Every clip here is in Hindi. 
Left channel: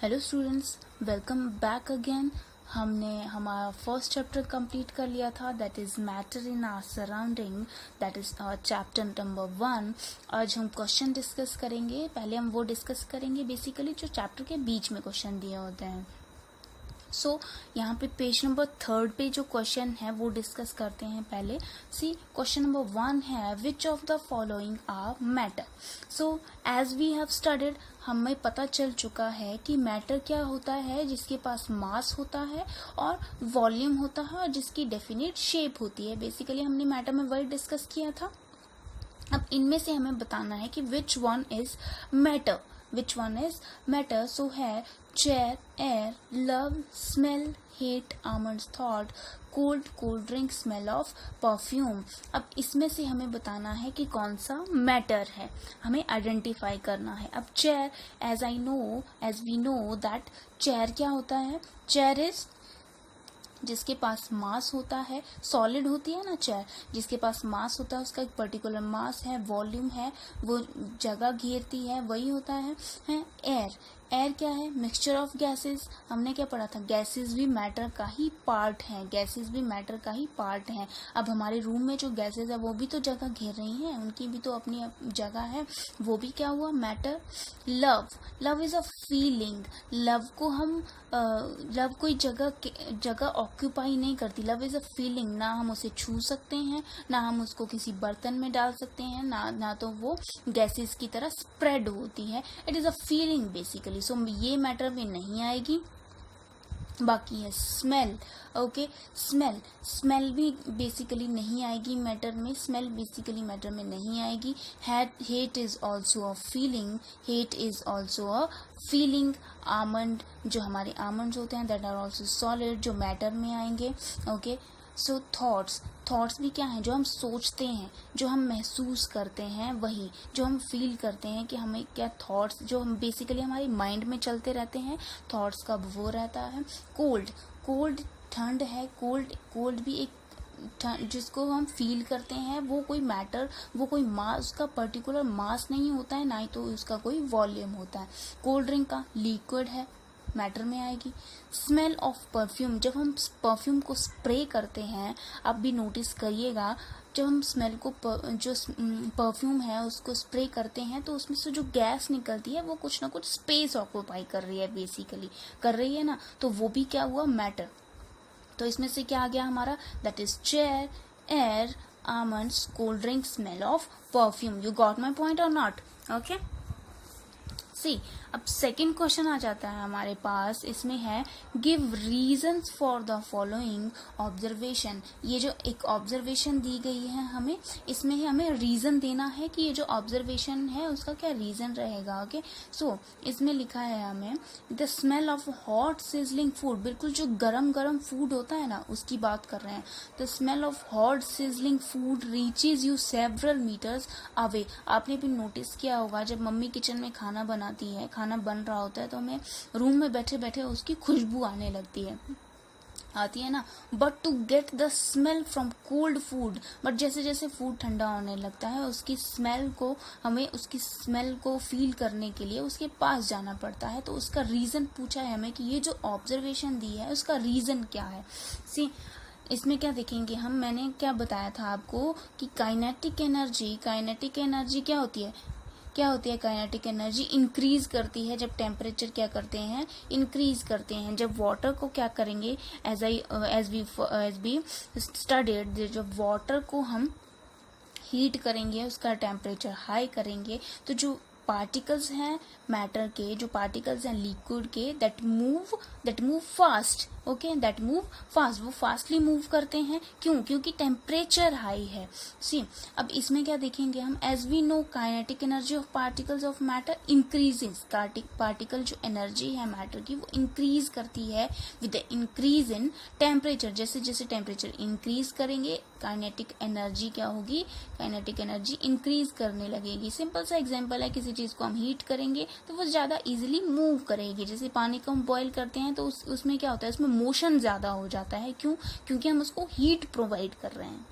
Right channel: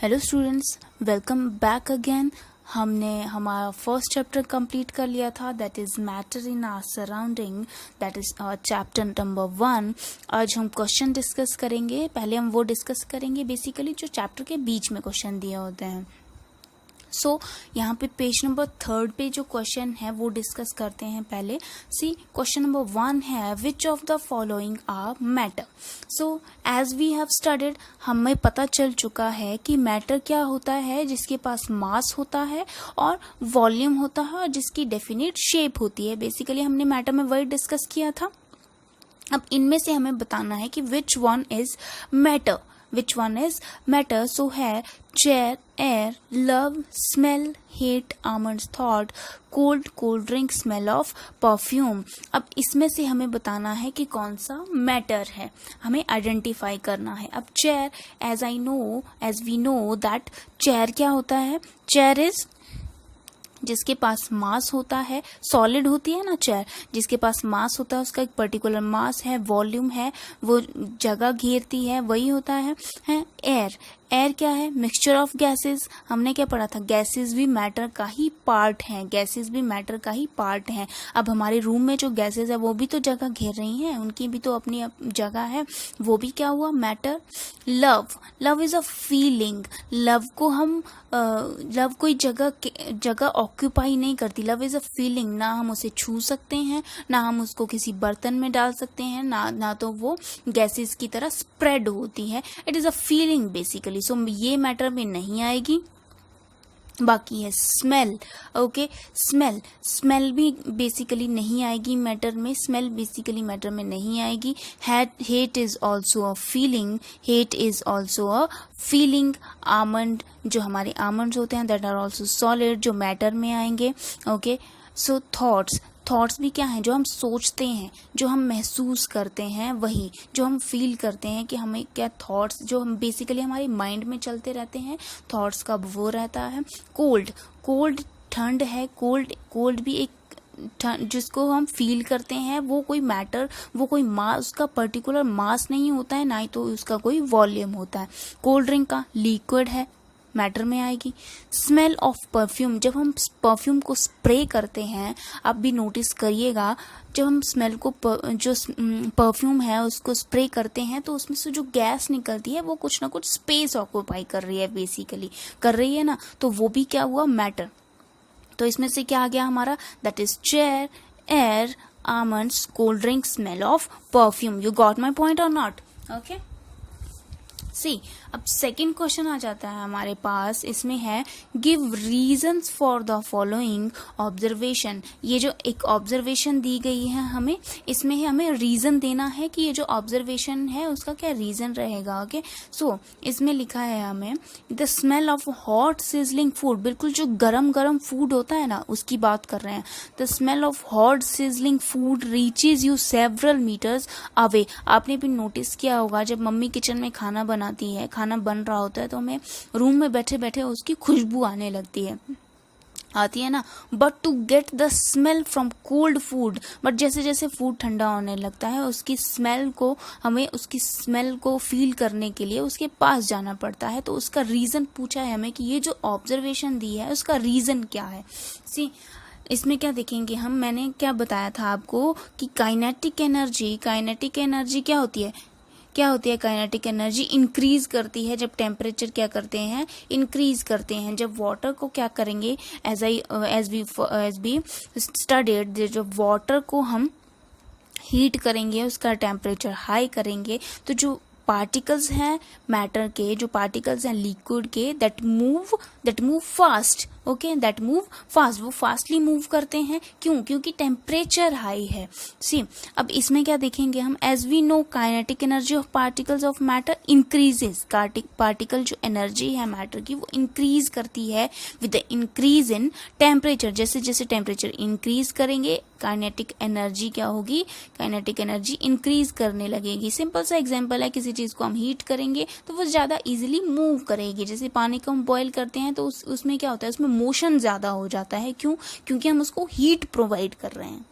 Hello students, welcome back again. हमने हमारा फर्स्ट चैप्टर कंप्लीट कर लिया था, that is matter in our surrounding, that is chapter number 1। आज हम क्वेश्चन डिस्कस करेंगे। पहले हम वो डिस्कस करेंगे बेसिकली जो चैप्टर के बीच में क्वेश्चन दिए होते हैं। यहाँ पे पेज नंबर 3 पे जो क्वेश्चन है वो डिस्कस करते हैं। पहले क्वेश्चन नंबर 1 है, which of the following are matter. As we have studied, हमें पता चल चुका है कि मैटर क्या होता है, जिसके पास मास होता है और वॉल्यूम होता है और जिसकी डेफिनेट शेप होती है। बेसिकली हमने मैटर में वही डिस्कस किया था। अब इनमें से हमें बताना है कि which one is matter, which one is matter. So है chair, air, love, smell, hate, almonds, thought, cold, cold drink, smell of perfume. अब इसमें से हमें बताना है कि कौन सा मैटर है, हमें आइडेंटिफाई करना है। अब chair, as we know that chair क्या होता है, चेयर इज जिसके पास मास होता है, सॉलिड होती है ना चेयर, जिसके पास मास होता है, उसका एक पर्टिकुलर मास है, वॉल्यूम है, वो जगह घेरती है, वही होता है एयर। एयर क्या है, मिक्सचर ऑफ गैसेस। हमने क्या पढ़ा था, गैसेस भी मैटर का ही पार्ट हैं, गैसेस भी मैटर का ही पार्ट हैं। अब हमारे रूम में जो गैसेस है वो भी तो जगह घेर रही हैं, उनकी भी तो अपनी जगह है, वो भी क्या हुआ, matter. Love, love is a feeling. Love को हम लव कोई जगह ऑक्यूपाई नहीं करती, लव इज अ फीलिंग। ना हम उसे छू सकते हैं, ना हम उसको किसी बर्तन में डाल सकते हैं, ना तो वो गैसेस की तरह स्प्रेड होती है। It is a feeling basically. So ये मैटर में नहीं आएगी। बाकी है स्मेल। ओके, स्मेल भी बेसिकली नहीं आएगी मैटर में, स्मेल बेसिकली मैटर में नहीं आएगी। Hate is also a feeling, hate is also a feeling. Almond, जो हमारे आमंड्स होते हैं, दैट आर ऑल्सो सॉलिड, जो मैटर में आएंगे। ओके, सो थॉट्स भी क्या हैं, जो हम सोचते हैं, जो हम महसूस करते हैं, वही जो हम फील करते हैं कि हमें क्या थॉट्स, जो हम बेसिकली हमारे माइंड में चलते रहते हैं, थॉट्स का वो रहता है। कोल्ड ठंड है, कोल्ड भी एक जिसको हम फील करते हैं, वो कोई मैटर, वो कोई मास, उसका पर्टिकुलर मास नहीं होता है, ना ही तो उसका कोई वॉल्यूम होता है। कोल्ड ड्रिंक का लिक्विड है, मैटर में आएगी। स्मेल ऑफ परफ्यूम, जब हम परफ्यूम को स्प्रे करते हैं, आप भी नोटिस करिएगा, जब हम स्मेल को जो परफ्यूम है उसको स्प्रे करते हैं तो उसमें से जो गैस निकलती है वो कुछ ना कुछ स्पेस ऑक्यूपाई कर रही है, बेसिकली कर रही है ना, तो वो भी क्या हुआ, मैटर। तो इसमें से क्या आ गया हमारा, that is chair, air, almonds, cold drink, smell of perfume. You got my point और नॉट? ओके, अब सेकंड क्वेश्चन आ जाता है हमारे पास। इसमें है, give reasons for the following observation. ये जो एक ऑब्जर्वेशन दी गई है हमें, इसमें हमें रीजन देना है कि ये जो ऑब्जर्वेशन है उसका क्या रीजन रहेगा। ओके, इसमें लिखा है हमें, the smell of hot sizzling food. बिल्कुल जो गरम गरम फूड होता है ना, उसकी बात कर रहे हैं। The smell of hot sizzling food reaches you several metres away. आपने भी नोटिस किया होगा, जब मम्मी किचन में खाना बनाती है, खाना बन रहा होता है, तो हमें रूम में बैठे बैठे उसकी खुशबू आने लगती है, आती है ना। But to get the smell from cold food, but जैसे जैसे फूड ठंडा होने लगता है, उसकी स्मेल को, हमें उसकी स्मेल को फील करने के लिए उसके पास जाना पड़ता है। तो उसका रीज़न पूछा है हमें कि ये जो ऑब्जर्वेशन दी है उसका रीज़न क्या है। इसमें क्या देखेंगे हम, मैंने क्या बताया था आपको कि काइनेटिक एनर्जी क्या होती है, काइनेटिक एनर्जी इंक्रीज करती है जब टेम्परेचर क्या करते हैं, इंक्रीज करते हैं। जब वाटर को क्या करेंगे, एज बी स्टडीड, जब वाटर को हम हीट करेंगे, उसका टेम्परेचर हाई करेंगे, तो जो पार्टिकल्स हैं मैटर के, जो पार्टिकल्स हैं लिक्विड के, that move fast. Okay, that move fast, वो फास्टली मूव करते हैं। क्यों? क्योंकि टेम्परेचर हाई है। अब इसमें क्या देखेंगे हम, as we know kinetic energy of particles of matter increases. Particle जो एनर्जी है मैटर की, वो इंक्रीज करती है with the increase in temperature. जैसे जैसे टेम्परेचर इंक्रीज करेंगे, काइनेटिक एनर्जी क्या होगी, काइनेटिक एनर्जी इंक्रीज करने लगेगी। सिंपल सा एग्जांपल है, किसी चीज को हम हीट करेंगे तो वो ज्यादा इजीली मूव करेगी। जैसे पानी को हम बॉईल करते हैं तो उसमें क्या होता है, उसमें मोशन ज्यादा हो जाता है। क्यों? क्योंकि हम उसको हीट प्रोवाइड कर रहे हैं।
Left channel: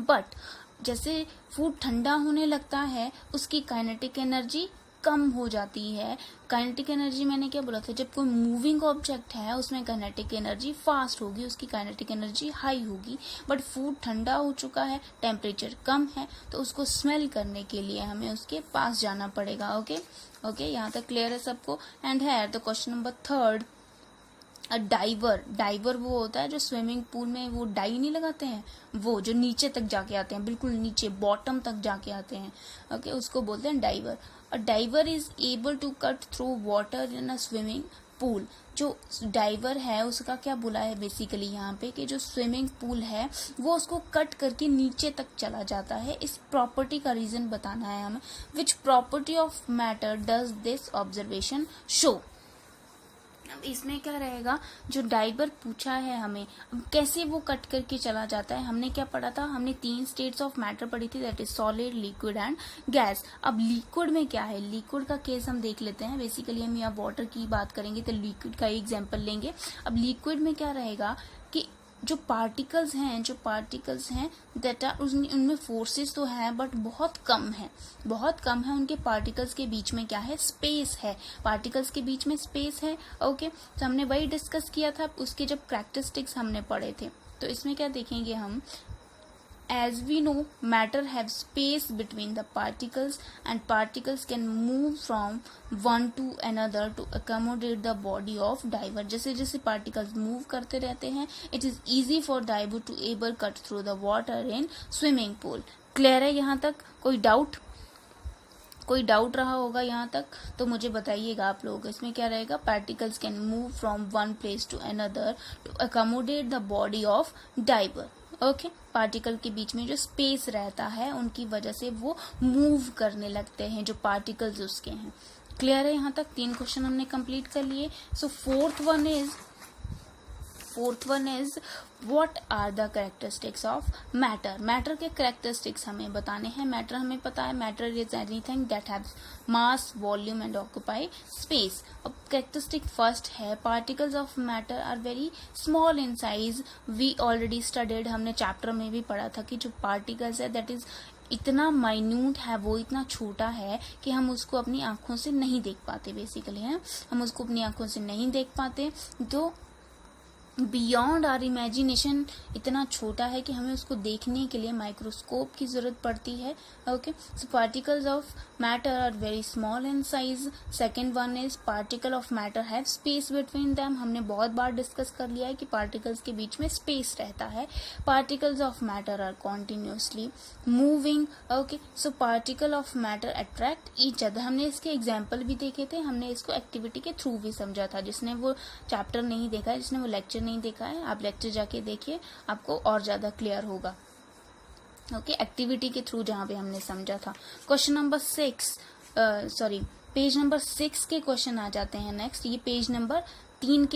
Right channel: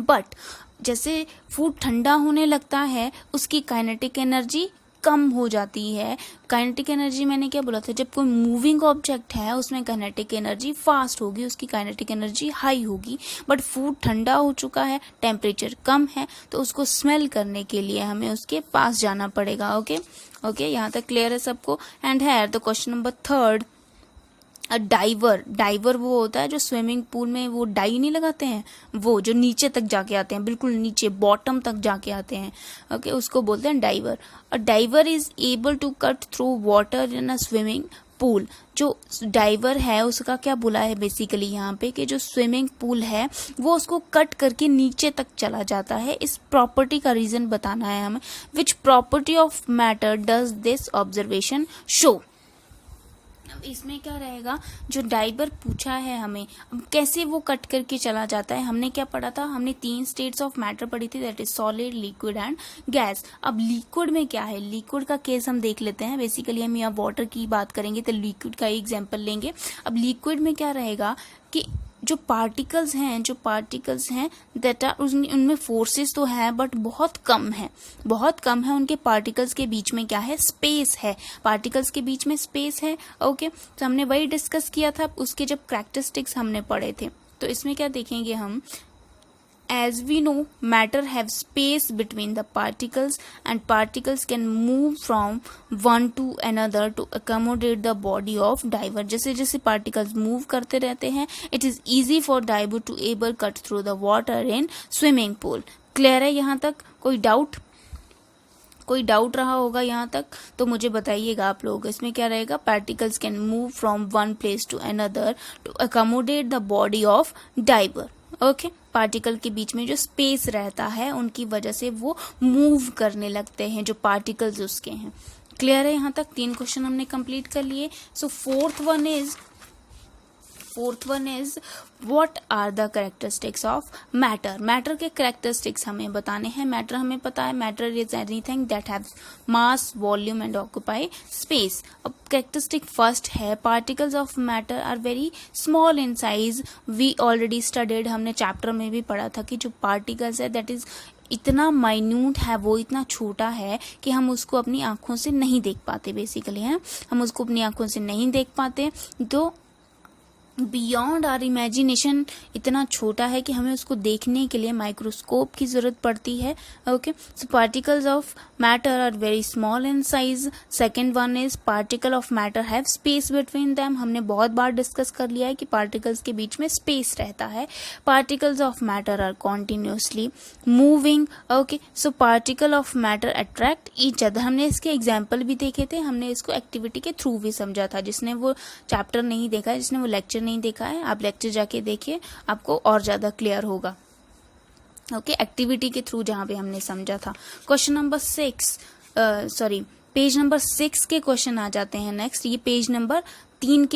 बट जैसे फूड ठंडा होने लगता है, उसकी काइनेटिक एनर्जी कम हो जाती है। काइनेटिक एनर्जी मैंने क्या बोला था, जब कोई मूविंग ऑब्जेक्ट है उसमें काइनेटिक एनर्जी फास्ट होगी, उसकी काइनेटिक एनर्जी हाई होगी। बट फूड ठंडा हो चुका है, टेम्परेचर कम है, तो उसको स्मेल करने के लिए हमें उसके पास जाना पड़ेगा। ओके, यहाँ तक क्लियर है सबको। एंड है the question number third, diver वो होता है जो स्विमिंग पूल में वो डाई नहीं लगाते हैं, वो जो नीचे तक जाके आते हैं, बिल्कुल नीचे बॉटम तक जाके आते हैं। ओके, उसको बोलते हैं diver. A diver is able to cut through water in a swimming pool. जो डाइवर है उसका क्या बोला है बेसिकली यहाँ पे, कि जो स्विमिंग पूल है वो उसको कट करके नीचे तक चला जाता है। इस प्रॉपर्टी का रीजन बताना है हमें। Which property of matter does this observation show. अब इसमें क्या रहेगा, जो डाइवर पूछा है हमें, अब कैसे वो कट करके चला जाता है। हमने क्या पढ़ा था, हमने 3 स्टेट्स ऑफ मैटर पढ़ी थी, that is solid, liquid and gas. अब लिक्विड में क्या है, लिक्विड का केस हम देख लेते हैं। बेसिकली हम यहाँ वाटर की बात करेंगे तो लिक्विड का ही एग्जाम्पल लेंगे। अब लिक्विड में क्या रहेगा कि जो पार्टिकल्स हैं दैट आर, उनमें फोर्सेस तो हैं बट बहुत कम है उनके पार्टिकल्स के बीच में क्या है, स्पेस है, पार्टिकल्स के बीच में स्पेस है। ओके, तो हमने वही डिस्कस किया था उसके जब कैरेक्टरिस्टिक्स हमने पढ़े थे। तो इसमें क्या देखेंगे हम, as we know matter have space between the particles and particles can move from one to another to accommodate the body of diver। जैसे जैसे particles move करते रहते हैं, it is easy for diver to able cut through the water in swimming pool। Clear है यहाँ तक? कोई डाउट रहा होगा यहाँ तक तो मुझे बताइएगा आप लोग। इसमें क्या रहेगा, particles can move from one place to another to accommodate the body of diver. Okay, particle के बीच में जो स्पेस रहता है उनकी वजह से वो मूव करने लगते हैं, जो पार्टिकल्स उसके हैं। क्लियर है यहाँ तक? 3 क्वेश्चन हमने कंप्लीट कर लिए। So fourth one is what are the characteristics of matter. Matter के कैरेक्टरिस्टिक्स हमें बताने हैं। मैटर हमें पता है, matter is anything that haves mass, volume and occupy space. अब कैरेक्टरिस्टिक फर्स्ट है, particles of matter are very small in size. We already studied, हमने चैप्टर में भी पढ़ा था कि जो पार्टिकल्स है दैट इज इतना माइन्यूट है, वो इतना छोटा है कि हम उसको अपनी आंखों से नहीं देख पाते। बेसिकली है, हम उसको अपनी आंखों से नहीं देख पाते, तो बियॉन्ड आर इमेजिनेशन इतना छोटा है कि हमें उसको देखने के लिए माइक्रोस्कोप की जरूरत पड़ती है। Okay, so particles of matter are very small in size. Second one is particle of matter have space between them. हमने बहुत बार डिस्कस कर लिया है कि पार्टिकल्स के बीच में स्पेस रहता है। Particles of matter are continuously moving. Okay, so particle of matter attract each other. हमने इसके एग्जाम्पल भी देखे थे, हमने इसको एक्टिविटी के थ्रू भी समझा था। जिसने वो चैप्टर नहीं देखा है, जिसने वो लेक्चर नहीं देखा है, आप लेक्चर जाके देखिए, आपको और ज्यादा क्लियर होगा। ओके, एक्टिविटी के थ्रू जहां पे हमने समझा था। क्वेश्चन नंबर 6 पेज नंबर 6 के क्वेश्चन आ जाते हैं नेक्स्ट। ये पेज नंबर 3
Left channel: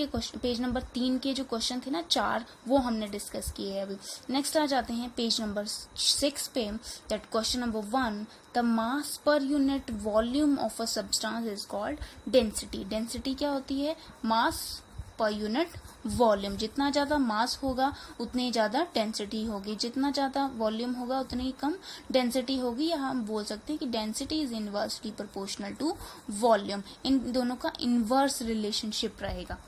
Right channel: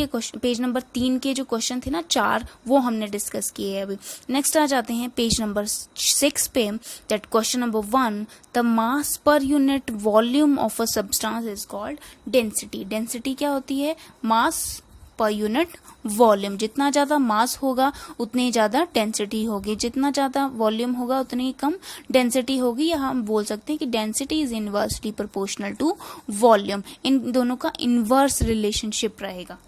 के जो क्वेश्चन थे ना 4, वो हमने डिस्कस किए हैं अभी। नेक्स्ट आ जाते हैं पेज नंबर 6 पे, that question number 1, the mass per unit volume of a substance is called density. Density क्या होती है? मास पर यूनिट वॉल्यूम। जितना ज्यादा मास होगा उतनी ज्यादा डेंसिटी होगी, जितना ज्यादा वॉल्यूम होगा उतनी कम डेंसिटी होगी। या हम बोल सकते हैं कि density is inversely proportional to volume. इन दोनों का इनवर्स रिलेशनशिप रहेगा।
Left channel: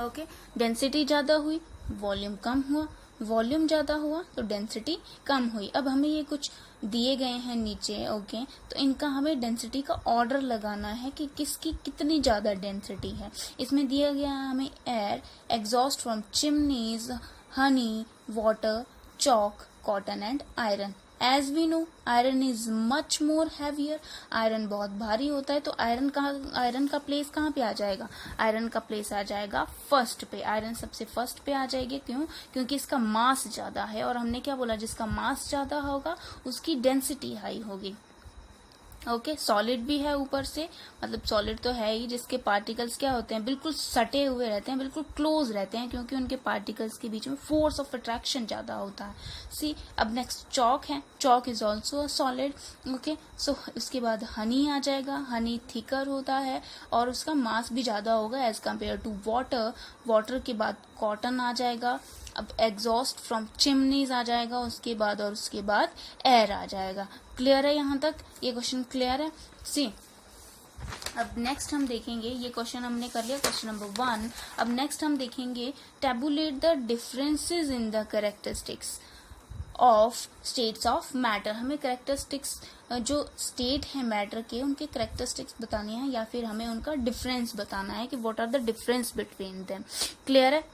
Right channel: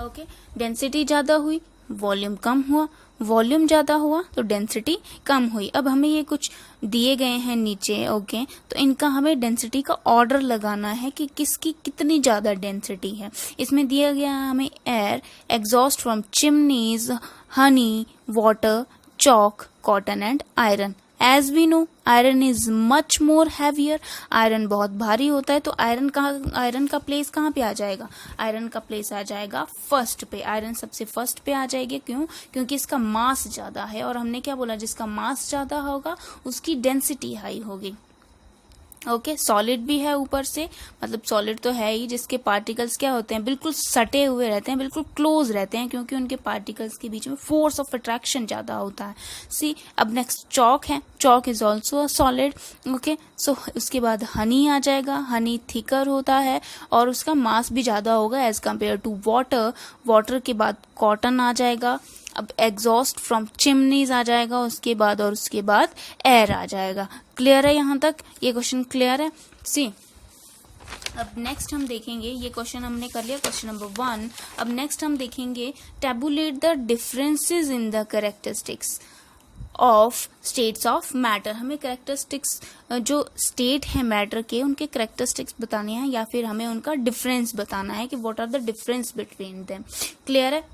ओके, डेंसिटी ज्यादा हुई, वॉल्यूम कम हुआ, वॉल्यूम ज्यादा हुआ तो डेंसिटी कम हुई। अब हमें ये कुछ दिए गए हैं नीचे। ओके, तो इनका हमें डेंसिटी का ऑर्डर लगाना है कि किसकी कितनी ज्यादा डेंसिटी है। इसमें दिया गया है हमें air, exhaust from chimneys, honey, water, chalk, cotton and iron. As we know iron is much more heavier. Iron बहुत भारी होता है, तो आयरन का प्लेस कहाँ पे आ जाएगा? आयरन का प्लेस आ जाएगा फर्स्ट पे। आयरन सबसे फर्स्ट पे आ जाएगी। क्यों? क्योंकि इसका मास ज्यादा है, और हमने क्या बोला, जिसका मास ज्यादा होगा उसकी डेंसिटी हाई होगी। ओके, सॉलिड भी है ऊपर से, मतलब सॉलिड तो है ही, जिसके पार्टिकल्स क्या होते हैं, बिल्कुल सटे हुए रहते हैं, बिल्कुल क्लोज रहते हैं, क्योंकि उनके पार्टिकल्स के बीच में फोर्स ऑफ अट्रैक्शन ज्यादा होता है। सी, अब नेक्स्ट चॉक है। Chalk is also a solid. Okay, so उसके बाद हनी आ जाएगा। हनी थिकर होता है और उसका मास भी ज्यादा होगा as compare to water. Water के बाद कॉटन आ जाएगा। अब एग्जॉस्ट फ्रॉम चिमनीज आ जाएगा उसके बाद, और उसके बाद एयर आ जाएगा। क्लियर है यहाँ तक? ये क्वेश्चन क्लियर है? सी अब नेक्स्ट हम देखेंगे, ये क्वेश्चन हमने कर लिया क्वेश्चन नंबर 1। अब नेक्स्ट हम देखेंगे tabulate the differences in the characteristics of states of matter. हमें कैरेक्टरिस्टिक्स जो स्टेट है मैटर के, उनके कैरेक्टरिस्टिक्स बताने हैं या फिर हमें उनका डिफरेंस बताना है कि what are the difference between them. Clear है?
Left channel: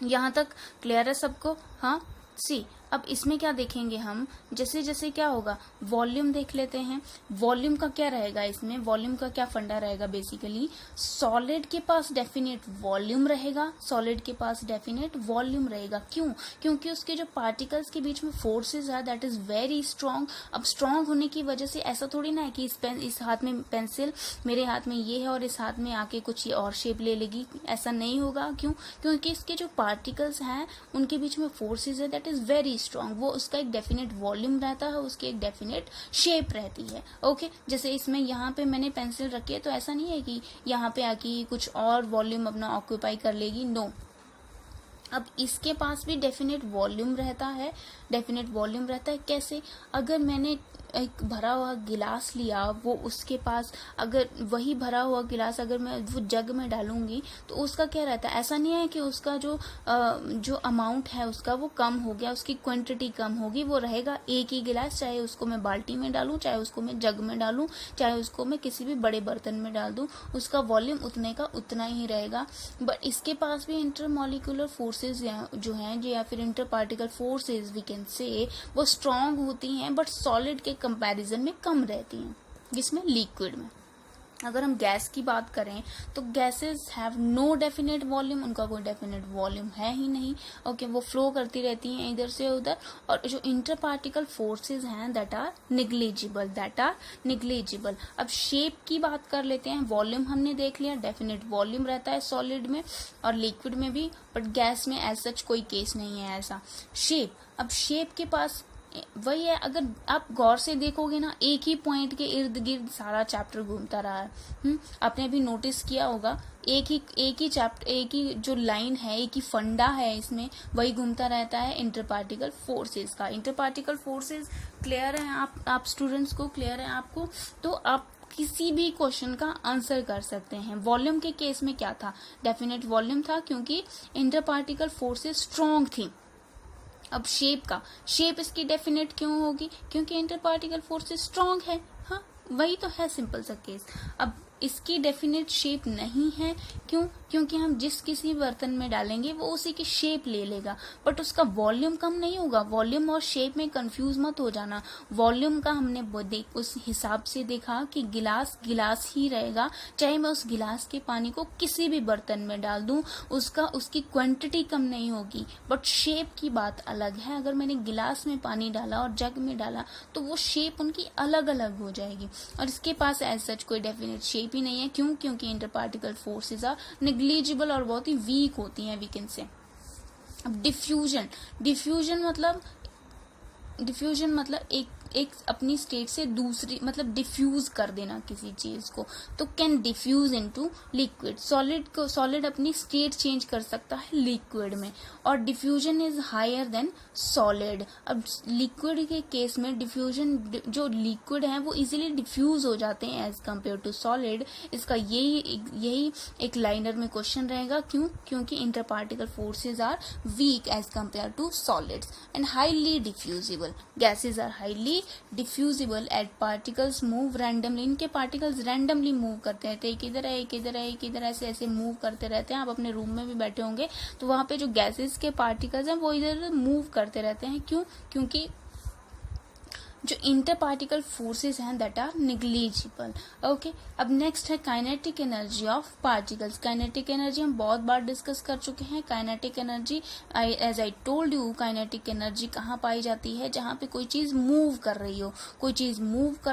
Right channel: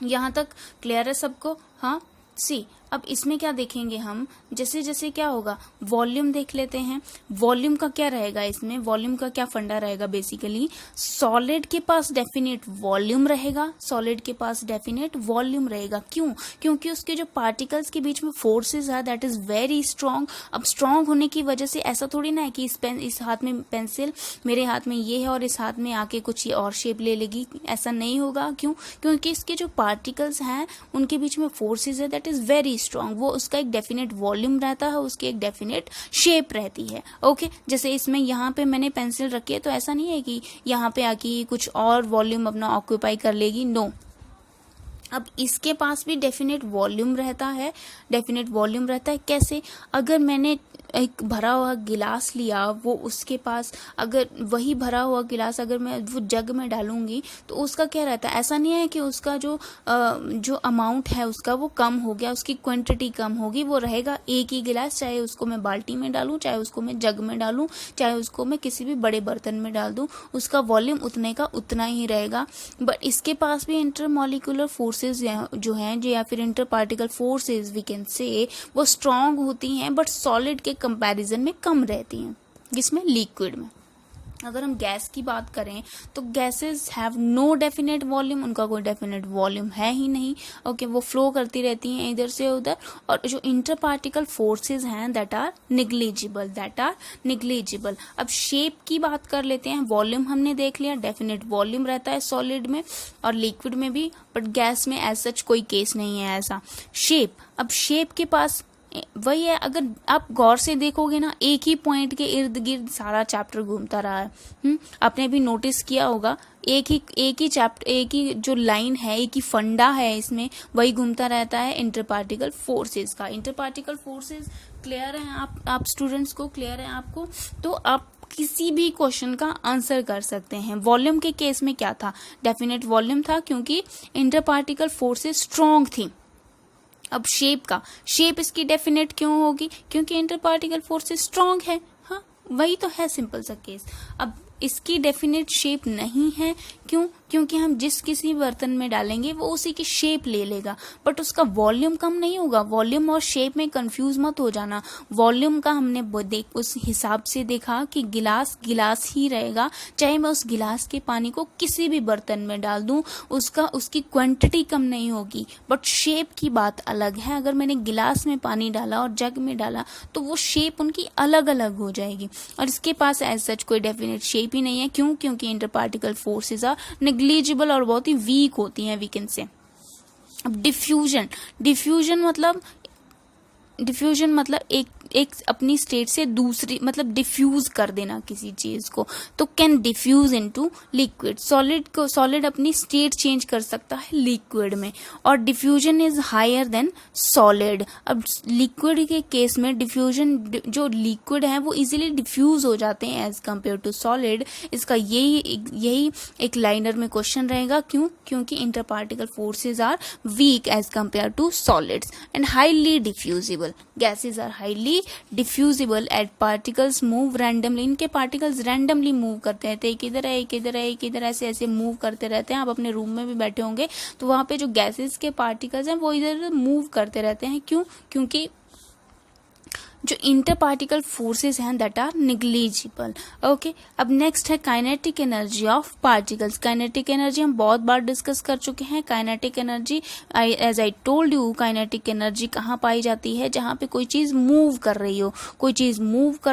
यहाँ तक क्लियर है सबको? हाँ। सी अब इसमें क्या देखेंगे हम, जैसे जैसे क्या होगा, वॉल्यूम देख लेते हैं। वॉल्यूम का क्या रहेगा इसमें, वॉल्यूम का क्या फंडा रहेगा बेसिकली, सॉलिड के पास डेफिनेट वॉल्यूम रहेगा, सॉलिड के पास डेफिनेट वॉल्यूम रहेगा। क्यों? क्योंकि उसके जो पार्टिकल्स के बीच में फोर्सेस है दैट इज वेरी स्ट्रांग। अब स्ट्रांग होने की वजह से ऐसा थोड़ी ना है कि इस हाथ में पेंसिल, मेरे हाथ में ये है और इस हाथ में आके कुछ ये और शेप ले लेगी, ऐसा नहीं होगा। क्यों? क्योंकि इसके जो पार्टिकल्स हैं उनके बीच में फोर्सेस है दैट इज वेरी स्ट्रांग। वो उसका एक डेफिनेट वॉल्यूम रहता है, उसकी एक डेफिनेट शेप रहती है। ओके, जैसे इसमें यहाँ पे मैंने पेंसिल रखी है तो ऐसा नहीं है कि यहाँ पे आके कुछ और वॉल्यूम अपना ऑक्यूपाई कर लेगी, नो। अब इसके पास भी डेफिनेट वॉल्यूम रहता है, डेफिनेट वॉल्यूम रहता है। कैसे? अगर मैंने एक भरा हुआ गिलास लिया, वो उसके पास अगर वही भरा हुआ गिलास अगर मैं वो जग में डालूंगी तो उसका क्या रहता है, ऐसा नहीं है कि उसका जो अमाउंट है उसका वो कम हो गया, उसकी क्वांटिटी कम होगी, वो रहेगा एक ही गिलास, चाहे उसको मैं बाल्टी में डालूं, चाहे उसको मैं जग में डालूं, चाहे उसको मैं किसी भी बड़े बर्तन में डाल दूं, उसका वॉल्यूम उतने का उतना ही रहेगा। बट इसके पास भी इंटरमॉलिक्यूलर फोर्सेज जो हैं या फिर interparticle forces we can say, वो स्ट्रांग होती हैं बट सॉलिड के कंपैरिजन में कम रहती हैं। जिसमें लिक्विड में अगर हम गैस की बात करें तो gases have no definite volume, उनका कोई डेफिनेट वॉल्यूम है ही नहीं। ओके, वो फ्लो करती रहती हैं इधर से उधर। और जो इंटर पार्टिकल फोर्सेज हैं that are negligible, that are negligible. अब शेप की बात कर लेते हैं। वॉल्यूम हमने देख लिया, डेफिनेट वॉल्यूम रहता है सॉलिड में और लिक्विड में भी, बट गैस में एज सच कोई केस नहीं है ऐसा। शेप, अब शेप के पास वही है, अगर आप गौर से देखोगे ना, एक ही पॉइंट के इर्द गिर्द सारा चैप्टर घूमता रहा है। आपने भी नोटिस किया होगा, एक ही चैप्टर, एक ही जो लाइन है, एक ही फंडा है इसमें, वही घूमता रहता है इंटर पार्टिकल फोर्सेस का। इंटर पार्टिकल फोर्सेस क्लियर है आप स्टूडेंट्स को, क्लियर है आपको? तो आप किसी भी क्वेश्चन का आंसर कर सकते हैं। वॉल्यूम के केस में क्या था, डेफिनेट वॉल्यूम था क्योंकि इंटर पार्टिकल फोर्सेस स्ट्रॉन्ग थी। अब शेप का, शेप इसकी डेफिनेट क्यों होगी, क्योंकि इंटर पार्टिकल फोर्सेस स्ट्रांग है। हाँ, वही तो है सिंपल सा केस। अब इसकी डेफिनेट शेप नहीं है, क्यों? क्योंकि हम जिस किसी बर्तन में डालेंगे वो उसी की शेप ले लेगा, बट उसका वॉल्यूम कम नहीं होगा। वॉल्यूम और शेप में कंफ्यूज मत हो जाना। वॉल्यूम का हमने उस हिसाब से देखा कि गिलास गिलास ही रहेगा, चाहे मैं उस गिलास के पानी को किसी भी बर्तन में डाल दूं, उसकी क्वांटिटी कम नहीं होगी। बट शेप की बात अलग है, अगर मैंने गिलास में पानी डाला और जग में डाला तो वो शेप उनकी अलग अलग हो जाएगी। और इसके पास एज सच कोई डेफिनेट शेप ही नहीं है। क्यों? क्योंकि interparticle forces are negligible और बहुत ही वीक होती हैं, वी कैन से। अब डिफ्यूजन मतलब एक अपनी स्टेट से दूसरी, मतलब डिफ्यूज कर देना किसी चीज को, तो can diffuse into liquid. Solid अपनी स्टेट चेंज कर सकता है लिक्विड में, और diffusion is higher than solid. अब लिक्विड के केस में डिफ्यूजन, जो लिक्विड है वो इजीली डिफ्यूज हो जाते हैं एज कंपेयर टू सॉलिड। इसका यही एक लाइनर में क्वेश्चन रहेगा। क्यों? क्योंकि interparticle forces are weak as compare to solids and highly diffusible. Gases are highly diffusible at particles move randomly. इनके पार्टिकल्स रैंडमली मूव करते रहते हैं, एक इधर है एक इधर है एक इधर, ऐसे मूव करते रहते हैं। आप अपने रूम में भी बैठे होंगे तो वहां पे जो गैसेस के पार्टिकल्स हैं वो इधर मूव करते रहते हैं। क्यों? क्योंकि जो इंटर पार्टिकल फोर्सेस हैं दैट आर निग्लिजिबल। ओके, अब नेक्स्ट है kinetic energy of particles. Kinetic energy हम बहुत बार डिस्कस कर चुके हैं। Kinetic energy, as I told you, kinetic energy कहाँ पाई जाती है? जहाँ पे कोई चीज मूव कर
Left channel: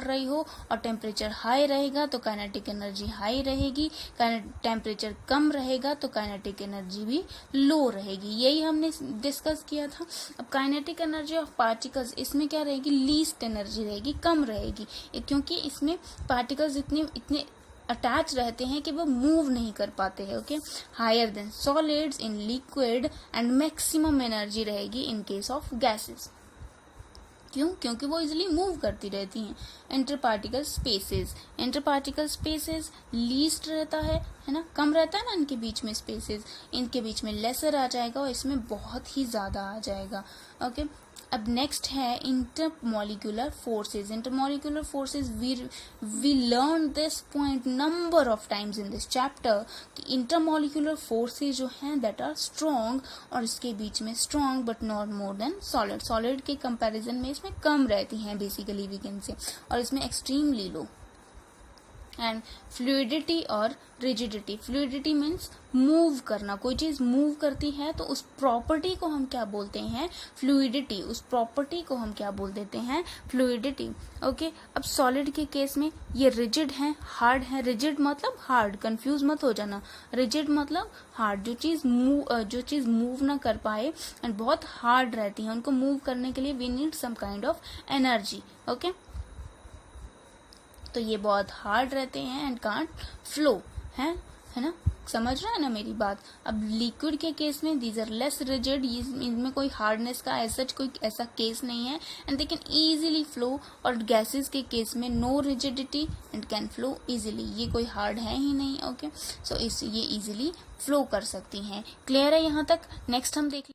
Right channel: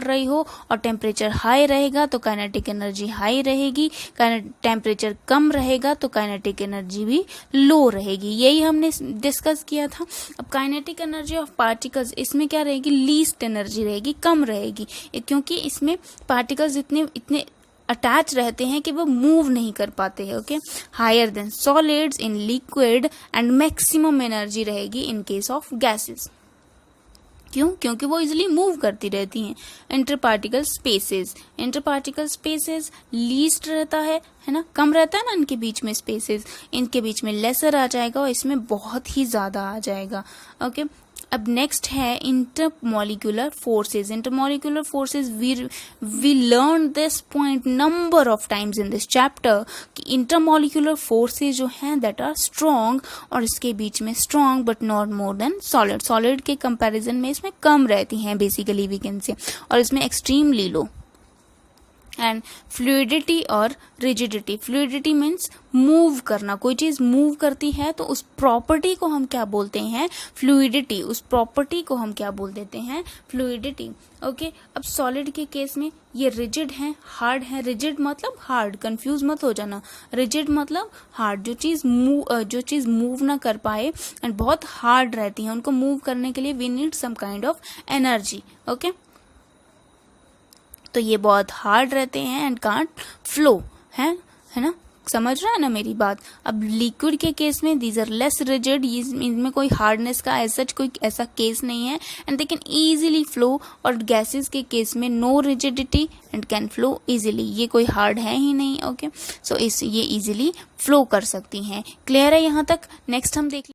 रही हो, और टेम्परेचर हाई रहेगा तो काइनेटिक एनर्जी हाई रहेगी, टेम्परेचर कम रहेगा तो काइनेटिक एनर्जी भी लो रहेगी। यही हमने डिस्कस किया था। अब काइनेटिक एनर्जी ऑफ पार्टिकल्स, इसमें क्या रहेगी? लीस्ट एनर्जी रहेगी, कम रहेगी, क्योंकि इसमें पार्टिकल्स इतने अटैच रहते हैं कि वो मूव नहीं कर पाते हैं। Okay, higher than solids in liquid and maximum energy रहेगी इन केस ऑफ गैसेस। क्यों? क्योंकि वो इजिली मूव करती रहती हैं। इंटरपार्टिकल स्पेसेस लीस्ट रहता है ना, कम रहता है ना इनके बीच में स्पेसेस, इनके बीच में लेसर आ जाएगा और इसमें बहुत ही ज्यादा आ जाएगा। ओके, अब नेक्स्ट है intermolecular forces. Intermolecular forces we learn this point number of times in this chapter कि इंटरमोलिकुलर फोर्सेस जो हैं दैट आर स्ट्रॉन्ग, और इसके बीच में strong but not more than solid. Solid के कंपैरिजन में इसमें कम रहती हैं बेसिकली वी कैन से, और इसमें एक्सट्रीमली लो। एंड फ्लूइडिटी और रिजिडिटी। फ्लूइडिटी मीन्स मूव करना, कोई चीज मूव करती है तो उस प्रॉपर्टी को हम क्या बोलते हैं? फ्लूइडिटी। उस प्रॉपर्टी को हम क्या बोल देते हैं? फ्लूइडिटी। ओके, अब सॉलिड के केस में ये रिजिड है, हार्ड है। रिजिड मतलब हार्ड, कंफ्यूज मत हो जाना। रिजिड मतलब हार्ड, जो चीज मूव ना कर पाए एंड बहुत हार्ड रहती है, उनको मूव करने के लिए we need some kind of energy. Okay, तो ये बहुत हार्ड रहते हैं एंड कांट फ्लो, है ना? समझ रहा है ना मेरी बात? अब लिक्विड के केस में दीज आर लेस रिजिड, इनमें कोई हार्डनेस का कोई ऐसा केस नहीं है and they can easily flow. और गैसेस के केस में no rigidity and can flow easily, ये कोई हार्ड है ही नहीं। ओके, सो ये इजीली फ्लो कर सकती हैं। क्लियर है यहाँ तक? नेक्स्ट हम देख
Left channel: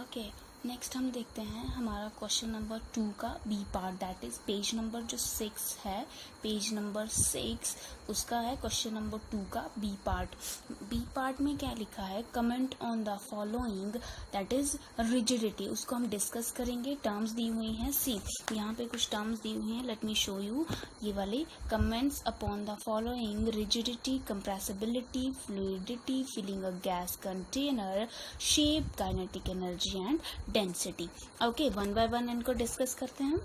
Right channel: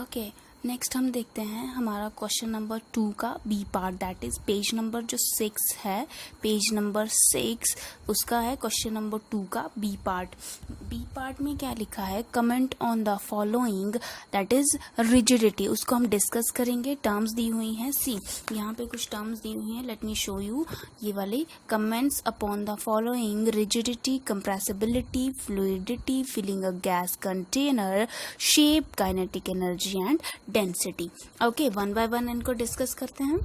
ओके, नेक्स्ट हम देखते हैं हमारा क्वेश्चन नंबर 2 का B part, that is page number जो 6 है, पेज नंबर 6 उसका है क्वेश्चन नंबर 2 का बी पार्ट। बी पार्ट में क्या लिखा है? Comment on the following, that is rigidity. उसको हम डिस्कस करेंगे। टर्म्स दी हुई हैं, सी यहाँ पे कुछ टर्म्स दी हुई हैं, लेट मी शो यू। ये वाले comments upon the following: rigidity, compressibility, fluidity, filling a gas container, shape, kinetic energy and density. Okay, one by one इनको डिस्कस करते हैं।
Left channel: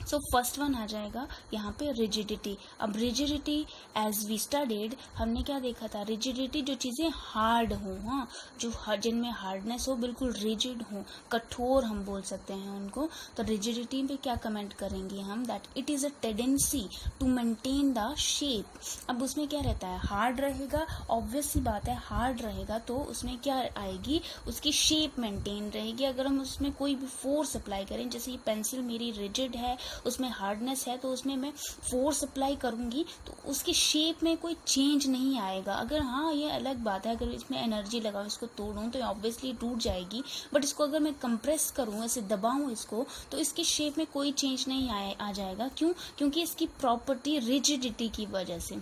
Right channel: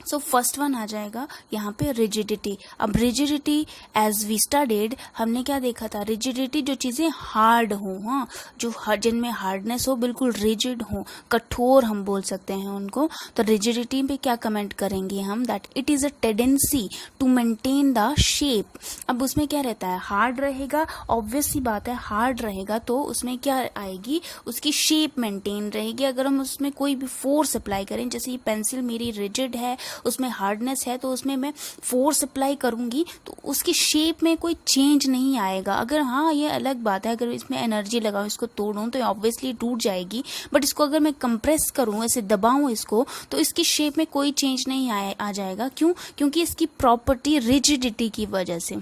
सो फर्स्ट वन आ जाएगा यहाँ पे रिजिडिटी। अब रिजिडिटी एज वी स्टडीड, हमने क्या देखा था? रिजिडिटी जो चीजें हार्ड हो, हाँ, जो जिनमें हार्डनेस हो, बिल्कुल रिजिड हो, कठोर हम बोल सकते हैं उनको। तो रिजिडिटी पे क्या कमेंट करेंगे हम? That it is a tendency to maintain the shape. अब उसमें क्या रहता है? हार्ड रहेगा, ऑब्वियस सी बात है, हार्ड रहेगा तो उसमें क्या आएगी? उसकी शेप मेंटेन रहेगी। अगर हम उसमें कोई भी फोर्स अप्लाई करें, जैसे ये पेंसिल मेरी रिजिड है, उसमें हार्डनेस है, तो उसमें मैं फोर्स अप्लाई करूंगी तो उसकी शेप में कोई चेंज नहीं आएगा। अगर हाँ, ये अलग बात है, अगर इसमें एनर्जी लगाऊं, इसको तोड़ूं तो ऑब्वियसली टूट जाएगी, बट इसको अगर मैं कंप्रेस करूं, ऐसे दबाऊं इसको, तो इसकी शेप में कोई चेंज नहीं आ जाएगा। क्यों? क्योंकि इसकी प्रॉपर्टी रिजिडिटी की वजह से।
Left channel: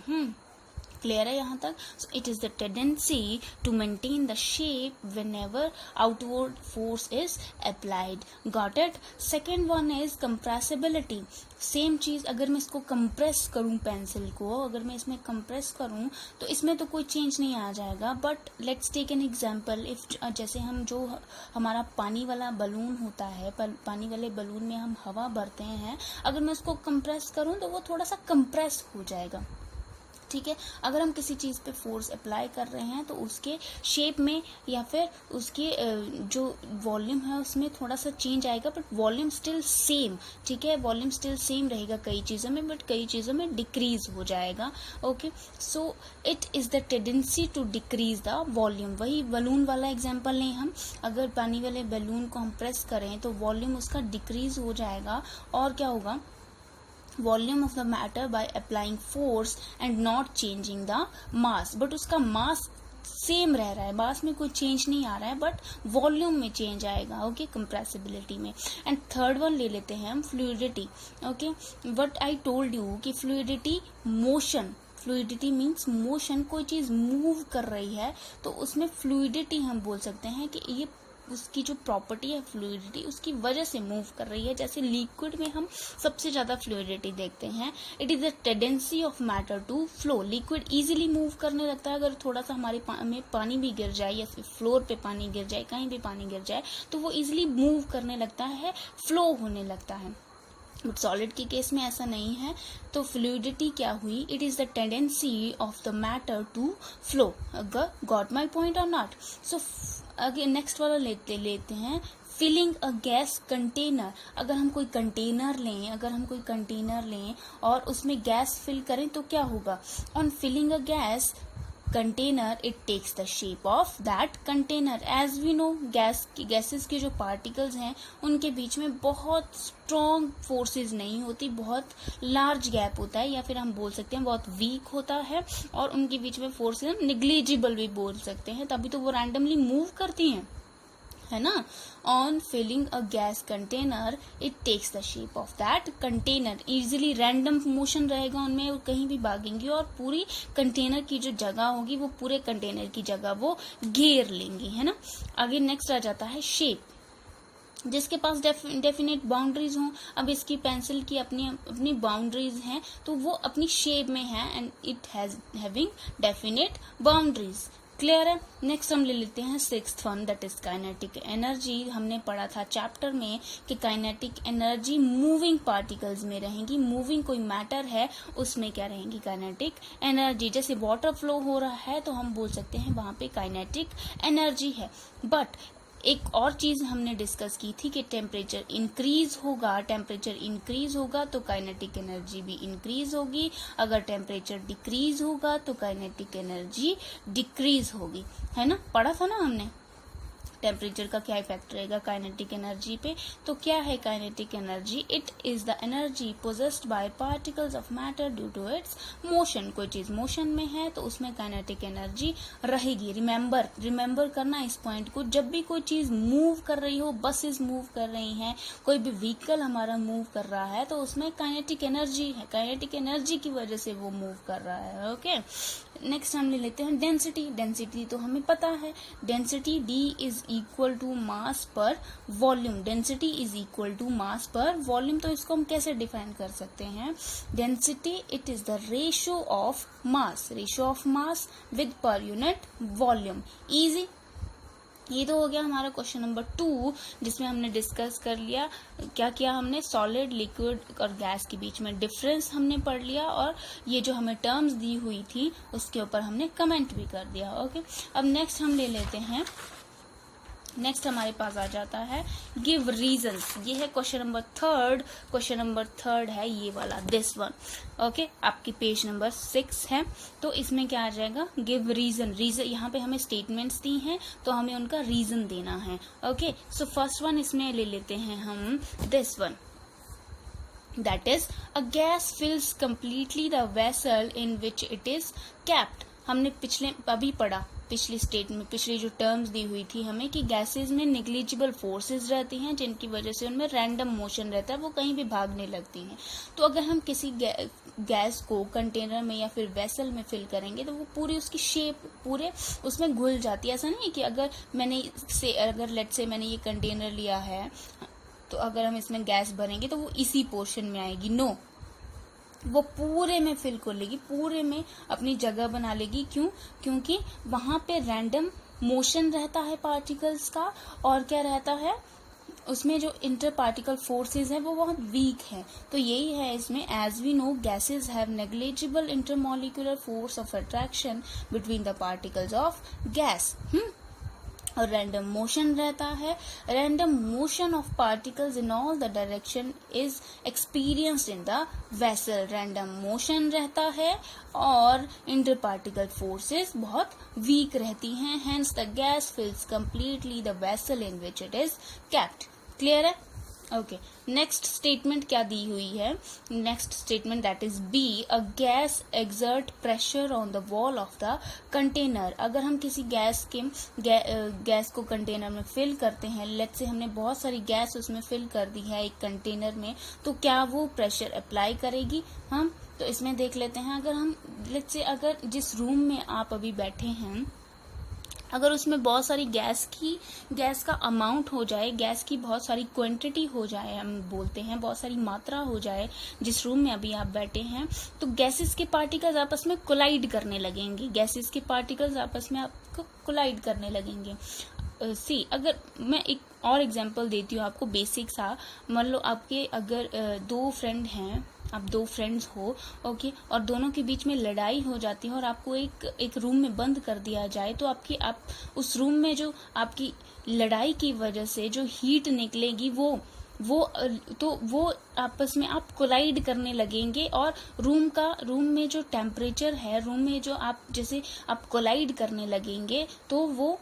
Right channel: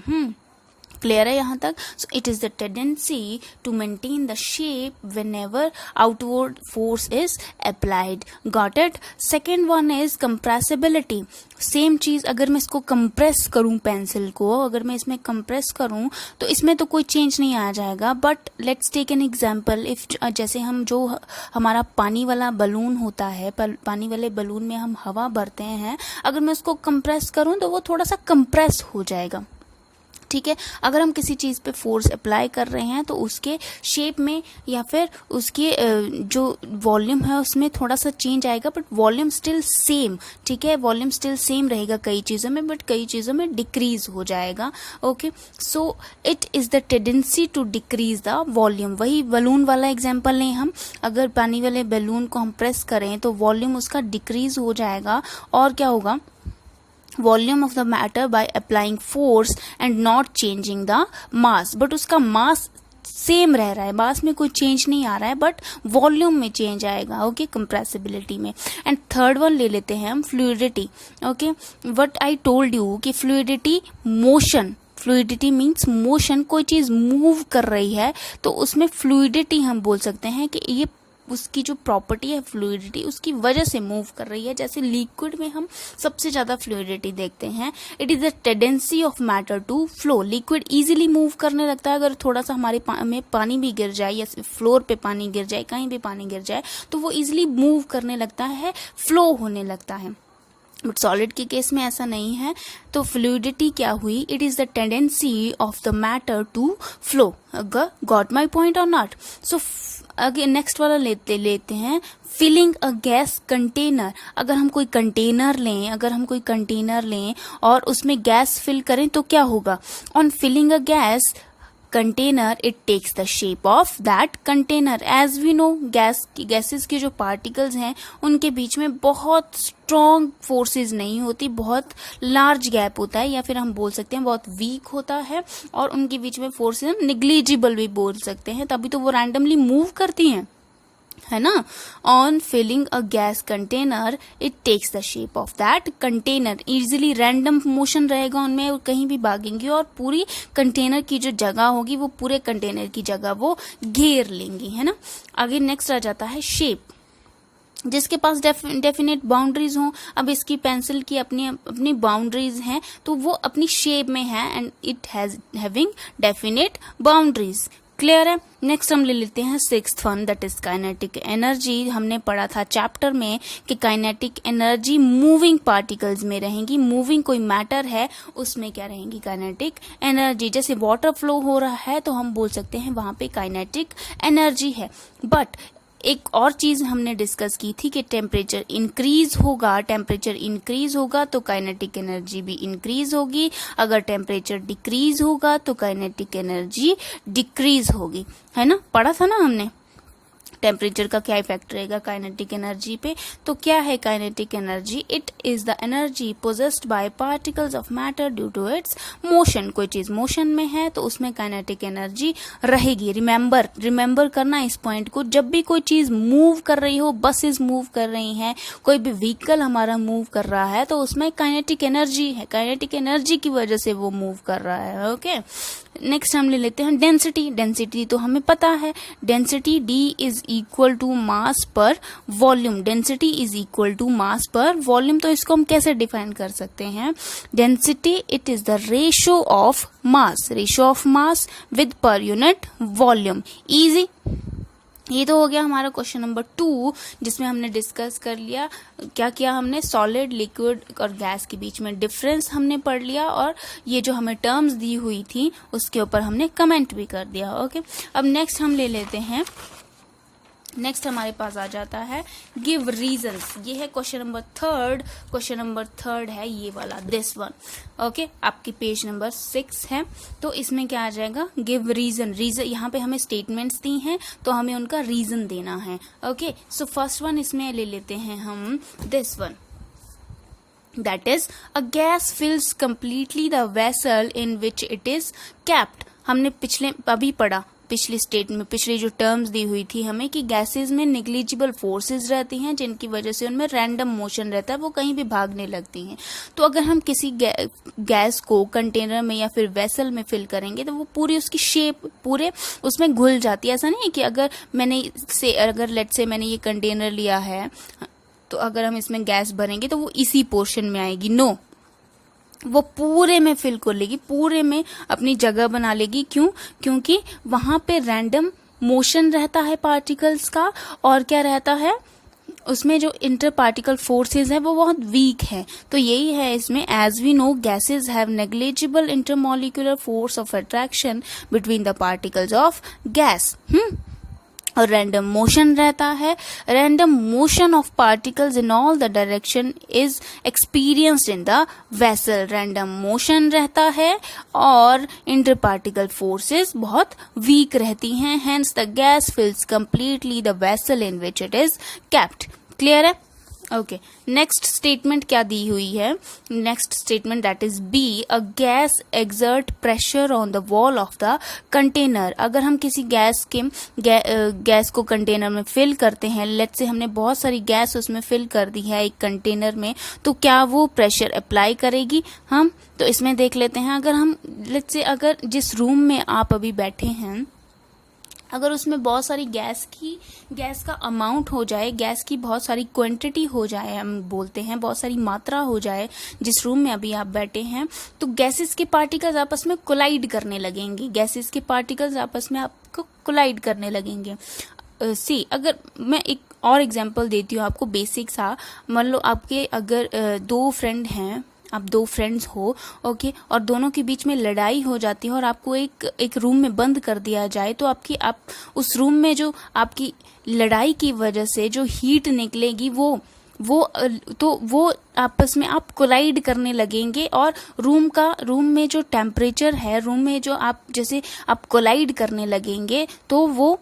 क्लियर है यहाँ तक? So it is the tendency to maintain the shape whenever outward force is applied. Got it? Second one is compressibility. Same चीज, अगर मैं इसको कंप्रेस करूं, पेंसिल को अगर मैं इसमें कंप्रेस करूं तो इसमें तो कोई चेंज नहीं आ जाएगा। But let's take an example, if जैसे हम जो हमारा पानी वाला बलून होता है, पानी वाले बलून में हम हवा भरते हैं, अगर मैं उसको कंप्रेस करूं तो वो थोड़ा सा कंप्रेस हो जाएगा। ठीक है, अगर हम किसी चीज पे फोर्स अप्लाई कर रहे हैं तो उसके शेप में या फिर उसके जो वॉल्यूम है उसमें थोड़ा सा चेंज आएगा, बट वॉल्यूम स्टिल सेम। ठीक है, वॉल्यूम स्टिल सेम रहेगा कई चीजों में, बट कई चीजों में डिक्रीज हो जाएगा। Okay, so it is the tendency to decrease the volume. वही बलून वाला एग्जाम्पल लें हम, अगर पानी वाले बलून को हम प्रेस करें तो वॉल्यूम उसका डिक्रीज हो जाएगा, और क्या होगा? Volume of the matter by applying force and not changing the mass. But उसका मास सेम रह रहा है, मास में कोई चेंज नहीं आ रहा है, बट वॉल्यूम में चेंज आएगा। ओके, कंप्रेसिबिलिटी में। एंड थर्ड वन ले लेते हैं हम, fluidity. Okay, what I told you कि fluidity motion, fluidity means motion, कोई चीज मूव कर रही है तो उसमें फ्लूइडिटी हम बोल सकते हैं कि ये उसकी जो प्रॉपर्टी है फ्लूइडिटी, उसकी वजह से मूव कर रही है। जैसे लिक्विड में हम सबसे ज्यादा फ्लूइडिटी देखते हैं। It is the tendency of matter to flow. Liquid easily move करने लगता है, अगर थोड़ा सा हमारे में पानी भी गिर जाए या फ्लोर पे पानी गिर जाए, कहीं भी पानी गिर जाए, तो वो इजीली मूव करने लगता है, फ्लो होने लगता है। बट सॉलिड के केस में ऐसा नहीं है। तो फ्लूइडिटी क्या हुई? It is the tendency of the matter to flow. Got my point और नॉट? सो अगेन नेक्स्ट वाला लेते हैं, फिलिंग अ गैस कंटेनर। अगर हम कोई कंटेनर लें और उसमें गैस फिल करें तो क्या होगा? On filling a gas container, it takes the shape of that container. As we know, gases के जो particles हैं उनके बीच में बहुत strong forces नहीं होती, बहुत large gap होता है, या फिर हम बोल सकते हैं बहुत weak होता है, और उनके बीच में forces negligible भी बोल सकते हैं, तभी तो वो randomly move करती हैं, है ना. On filling a gas container it takes the shape of that container. Easily random motion रहेगा उनमें, और कहीं भी भागेंगी और पूरी कंटेनर की जो जगह होगी वो पूरे कंटेनर की जगह वो घेर लेंगी, है ना. आगे नेक्स्ट आ जाता है शेप, जिसके पास डेफिनेट बाउंड्रीज हों. अब इसकी पेंसिल की अपनी अपनी बाउंड्रीज हैं, तो वो अपनी शेप में है and it has having definite boundaries. Clear है. नेक्स्ट हम ले लेते हैं sixth one, that is kinetic energy. हमने पढ़ा था चैप्टर में कि काइनेटिक एनर्जी मूविंग पार्टिकल्स में रहेंगी. मूविंग कोई मैटर है उसमें क्या रहेंगी, काइनेटिक एनर्जी. जैसे वाटर फ्लो हो रहा है तो हम बोल सकते हैं वहां पे काइनेटिक एनर्जी है. बट एक और चीज हमने डिस्कस की थी कि टेम्परेचर इंक्रीज होगा तो काइनेटिक एनर्जी भी इंक्रीज होगी. अगर टेम्परेचर डिक्रीज होगा तो काइनेटिक एनर्जी डिक्रीज होगी, है ना. पढ़ा था ना हमने टेम्परेचर का क्या इफेक्ट रहेगा काइनेटिक एनर्जी पे. तो क्या है kinetic energy? It is the energy possessed by particles of matter due to its motion. कोई चीज मोशन में है तो उसमें काइनेटिक एनर्जी रहेगी. रिमेंबर करना इस पॉइंट को. जब भी कोई चीज मूव कर रही हो, बसेस मूव कर रही हैं, कोई भी व्हीकल हमारा मूव कर रहा है, तो उसमें काइनेटिक एनर्जी है. काइनेटिक एनर्जी की वजह से वो मूव कर रहा है. ओके. नेक्स्ट हम ले लेते हैं डेंसिटी तो हमें पता है. Density D is equal to mass per volume. Density is equal to mass per volume. तो इसको हम कैसे डिफाइन कर सकते हैं? Density it is the ratio of mass with per unit volume. Easy. ये तो हो गया हमारा क्वेश्चन नंबर 2, जिसमें हमने डिस्कस कर लिया क्या किया हमने, सॉलिड, लिक्विड और गैस के बीच में डिफरेंस हमने पढ़ लिया, और ये जो हमें टर्म्स दी हुई थी उसके ऊपर हमने कमेंट भी कर दिया. ओके. अब नेक्स्ट हम ले लेते हैं, नेक्स्ट हमारे पास आ जाता है गिव रीजंस. ये है क्वेश्चन नंबर थर्ड है ये वाला, दिस वन. ओके. आपकी पेज नंबर 6 है. तो इसमें क्या आ जाएगा, गिव रीजन. यहाँ पे हमें स्टेटमेंट्स दी हैं तो हमें उनका रीजन देना है. ओके. सो फर्स्ट वन इसमें ले लेते हैं हम, this one, that is a gas fills completely the vessel in which it is kept. हमने अभी पढ़ा पिछली जो टर्म्स दी हुई थी हमें कि गैसेस में निग्लिजिबल फोर्सेस रहती हैं जिनकी वजह से उनमें रैंडम मोशन रहता है, वो कहीं भी भागने लगती हैं. तो अगर हम किसी गैस को कंटेनर में या फिर वेसल में फिल करेंगे तो वो पूरी उसकी शेप पूरे उसमें घुल जाती है. ऐसा नहीं है कि अगर लेट्स से मैंने ये कंटेनर लिया है तो अगर हम इसमें गैस भरेंगे तो वो इसी पोर्शन में आएगी. नो, वो पूरे में फिल कर लेगी, पूरे में अपनी जगह बना लेगी. क्योंकि वहां पे रैंडम मोशन रहता है पार्टिकल्स का, और क्या रहता है उसमें जो इंटर पार्टिकल फोर्सेज है वो बहुत वीक है. तो यही है इसमें, as we know gases have negligible intermolecular force of attraction between the particles of gas. और रैंडम मोशन रहता है. Random motion of particles in all the direction is experienced in the vessel. Random motion रहता है और इंटर पार्टिकल फोर्सेस बहुत वीक रहती हैं. Hence the gas fills completely the vessel in which it is kept. Clear है? ओके. नेक्स्ट स्टेटमेंट क्या दी हुई है? Next statement that is B, a gas exert pressure on the wall of the container. अगर हम किसी गैस को कंटेनर में फिल करते हैं, लेट्स से हमने बहुत सारी गैस उसमें फिल कर दी है एक कंटेनर में, तो क्या वो प्रेशर अप्लाई करेगी? हम तो इसमें देख लेते हैं. अगर हम लेट्स से अगर जिस रूम में आप अभी बैठे हैं, अगर उसमें बहुत सारी गैस का अमाउंट हो जाए, गैस की बहुत सारी क्वांटिटी हो जाए, हम बोलते हैं बहुत सारी मात्रा हो जाए जिस रूम में अभी आप बैठे हैं, तो गैसेस के पार्टिकल्स आपस में कोलाइड करने लगेंगे. सी, अगर मैं एक और एग्जांपल देती हूँ आपको बेसिक सा. मान लो आपके अगर दो फ्रेंड हैं, आप दो फ्रेंड्स हो, ओके, और दोनों के बीच में लड़ाई हो जाती है और आपको एक रूम में बंद कर दिया जाए, तो आप उस रूम में जो आपकी लड़ाई की वजह से जो हीट निकलेगी वो वो आपस में आप कोलाइड करने लगेंगे, और रूम में जो टेम्परेचर है, रूम में जो आप जैसे आप कोलाइड करने लगेंगे तो वो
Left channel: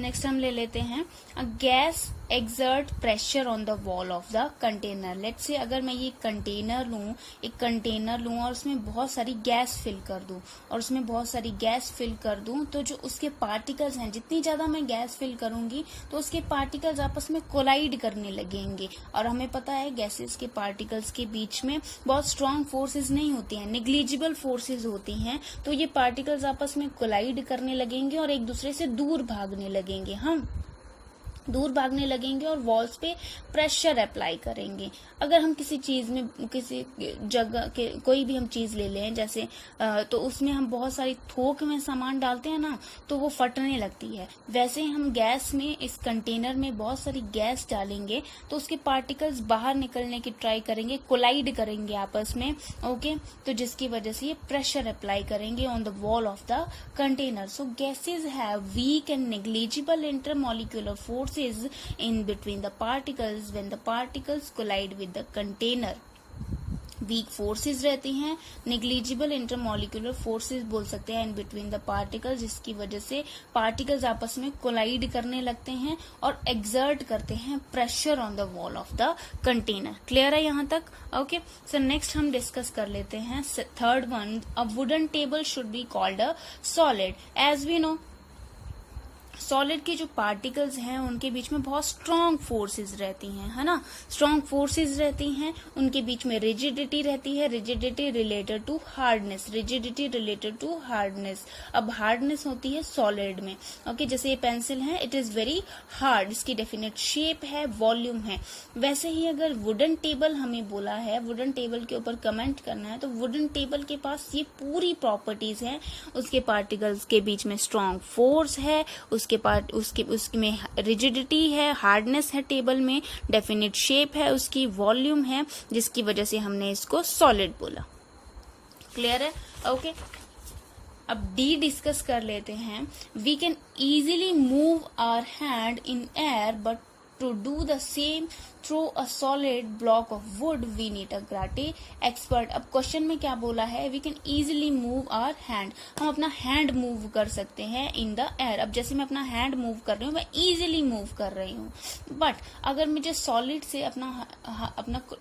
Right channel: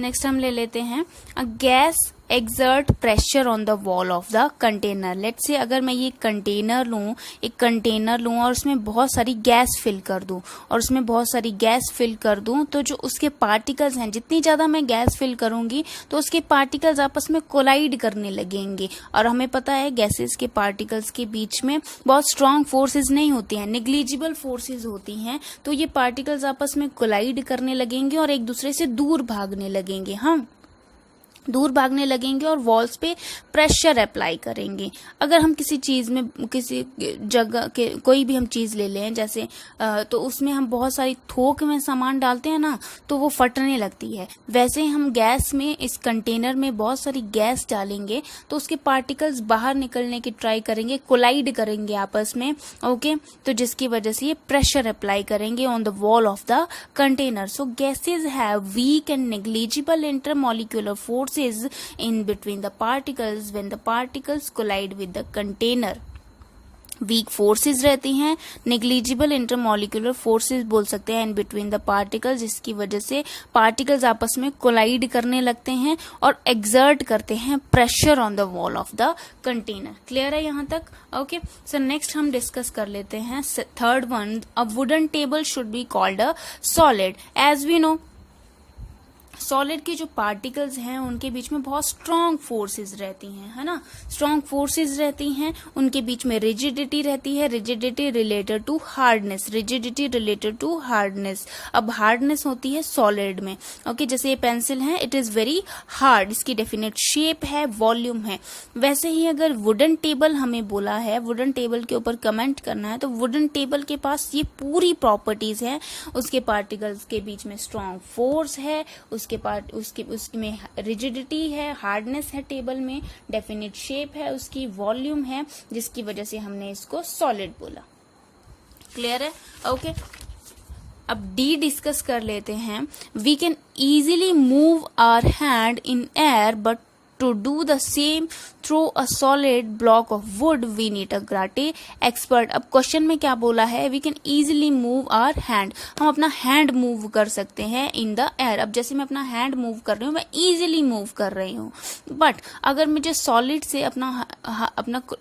नेक्स्ट हम ले लेते हैं अ gas exert pressure on the wall of the container. Let's say अगर मैं ये एक कंटेनर लूँ और उसमें बहुत सारी गैस फिल कर दूं तो जो उसके पार्टिकल्स हैं, जितनी ज्यादा मैं गैस फिल करूंगी तो उसके पार्टिकल्स आपस में कोलाइड करने लगेंगे। और हमें पता है गैसेस के पार्टिकल्स के बीच में बहुत स्ट्रांग फोर्सेस नहीं होती हैं, निग्लिजिबल फोर्सेस होती हैं। तो ये पार्टिकल्स आपस में कोलाइड करने लगेंगे और एक दूसरे से दूर भागने लगेंगे, दूर भागने लगेंगे और वॉल्स पे प्रेशर अप्लाई करेंगे। अगर हम किसी चीज में, किसी जगह के कोई भी हम चीज ले लें जैसे तो उसमें हम बहुत सारी थोक में सामान डालते हैं ना, तो वो फटने लगती है। वैसे ही हम गैस में, इस कंटेनर में बहुत सारी गैस डालेंगे तो उसके पार्टिकल्स बाहर निकलने की ट्राई करेंगे, कोलाइड करेंगे आपस में, ओके। तो जिसकी वजह से ये प्रेशर अप्लाई करेंगे on the wall of the container. So gases have week and negligible intermolecular force in between the particles when the particles collide with the container. Weak forces रहती हैं, नेग्लिजिबल इंटरमॉलिक्यूलर फोर्सेस बोल सकते हैं इन बिटवीन द पार्टिकल्स, जिसकी वजह से पार्टिकल्स आपस में कोलाइड करने लगते हैं और एक्सर्ट करते हैं pressure on the wall of the container. Clear है यहाँ तक? ओके, सो नेक्स्ट हम डिस्कस कर लेते हैं third one, a wooden table should be called a solid. As we know solid के जो पार्टिकल्स हैं उनके बीच में बहुत स्ट्रांग फोर्सेस रहती हैं, है ना, स्ट्रांग फोर्सेस रहती हैं, उनके बीच में रिजिडिटी रहती है, रिजिडिटी रिलेटेड टू हार्डनेस। अब हार्डनेस होती है सॉलिड में, ओके। जैसे ये पेंसिल है, इट इज वेरी हार्ड, इसकी डेफिनेट शेप है, वॉल्यूम है। वैसे ही अगर वुडन टेबल हमें बोला है, वुडन टेबल के ऊपर कमेंट करना है, तो वुडन टेबल के पास ये पूरी प्रॉपर्टीज है। उसके पार्टिकल्स के बीच में स्ट्रांग फोर्स है, उसमें रिजिडिटी है, हार्डनेस है टेबल में, डेफिनिट शेप है, उसकी वॉल्यूम है, जिसकी वजह से हमने इसको सॉलिड बोला। क्लियर है? ओके, अब डी डिस्कस कर लेते हैं। We can easily move our hand in air but to do the same through a solid block of wood we need a karate expert. अब क्वेश्चन में क्या बोला है? We can easily move our hand, हम अपना हैंड मूव कर सकते हैं इन द एयर। अब जैसे मैं अपना हैंड मूव कर रही हूँ, मैं इजीली मूव कर रही हूँ, बट अगर मुझे सॉलिड से अपना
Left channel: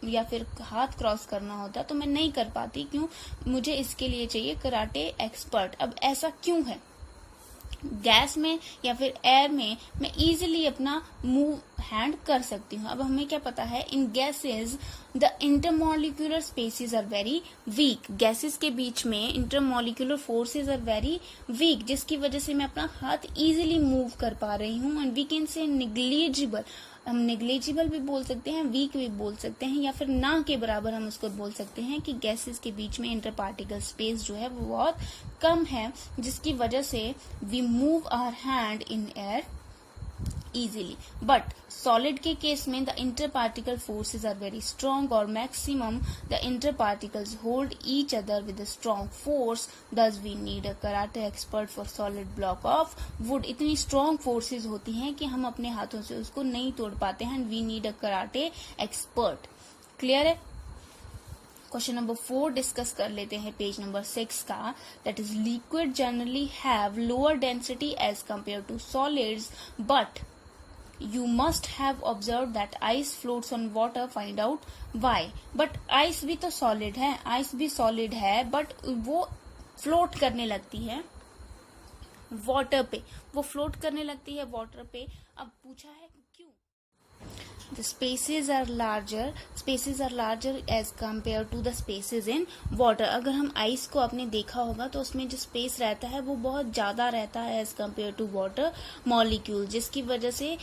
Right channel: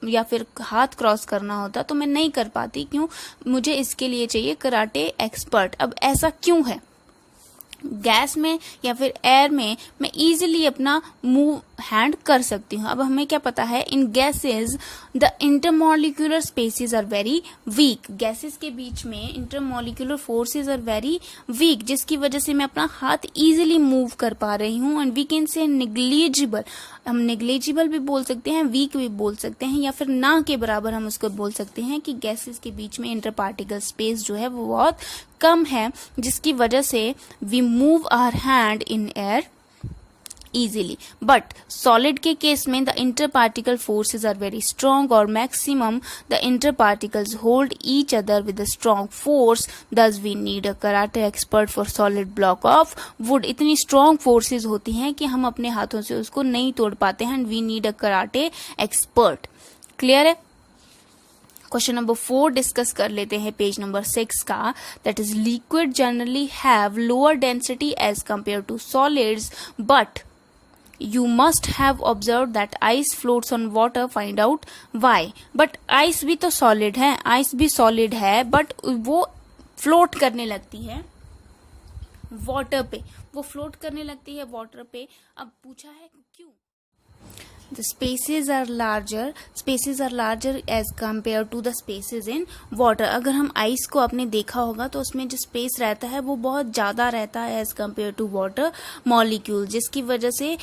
या फिर हाथ क्रॉस करना होता तो मैं नहीं कर पाती। क्यों? मुझे इसके लिए चाहिए कराटे एक्सपर्ट। अब ऐसा क्यों है? गैस में या फिर एयर में मैं इजीली अपना मूव हैंड कर सकती हूँ। अब हमें क्या पता है, in gases the intermolecular spaces are very weak. Gases के बीच में intermolecular forces are very weak, जिसकी वजह से मैं अपना हाथ इजीली मूव कर पा रही हूँ। And we can say negligible, हम नेग्लिजिबल भी बोल सकते हैं, वीक भी बोल सकते हैं, या फिर ना के बराबर हम उसको बोल सकते हैं कि गैसेस के बीच में इंटर पार्टिकल स्पेस जो है वो बहुत कम है, जिसकी वजह से we move our hand in air easily. But solid के केस में the interparticle forces are very strong, और maximum the interparticles hold each other with a strong force. Thus we need a karate expert for solid block of wood. इतनी strong forces होती हैं कि हम अपने हाथों से उसको नहीं तोड़ पाते हैं, and we need a karate expert. Clear है? क्वेश्चन नंबर 4 डिस्कस कर लेते हैं पेज नंबर 6 का। That is liquid generally have lower density as compare to solids, but you must have observed that ice floats on water. Find out why. but ice भी तो solid है, ice भी solid है, but वो float करने लगती है water पे, वो float करने लगती है water पे। अब पूछा है क्यों? The spaces are larger as compared to the spaces in water. अगर हम आइस को आपने देखा होगा तो उसमें जो स्पेस रहता है वो बहुत ज़्यादा रहता है as compared to water molecule, जिसकी वजह से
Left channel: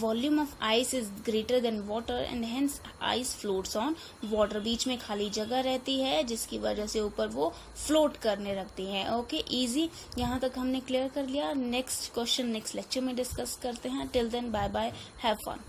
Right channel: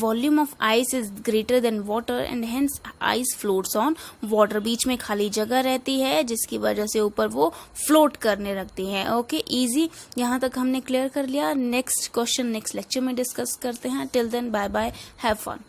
volume of ice is greater than water and hence ice floats on water. बीच में खाली जगह रहती है जिसकी वजह से ऊपर वो फ्लोट करने लगती है। ओके, इजी, यहाँ तक हमने क्लियर कर लिया। नेक्स्ट क्वेश्चन नेक्स्ट लेक्चर में डिस्कस करते हैं। Till then bye bye, have fun.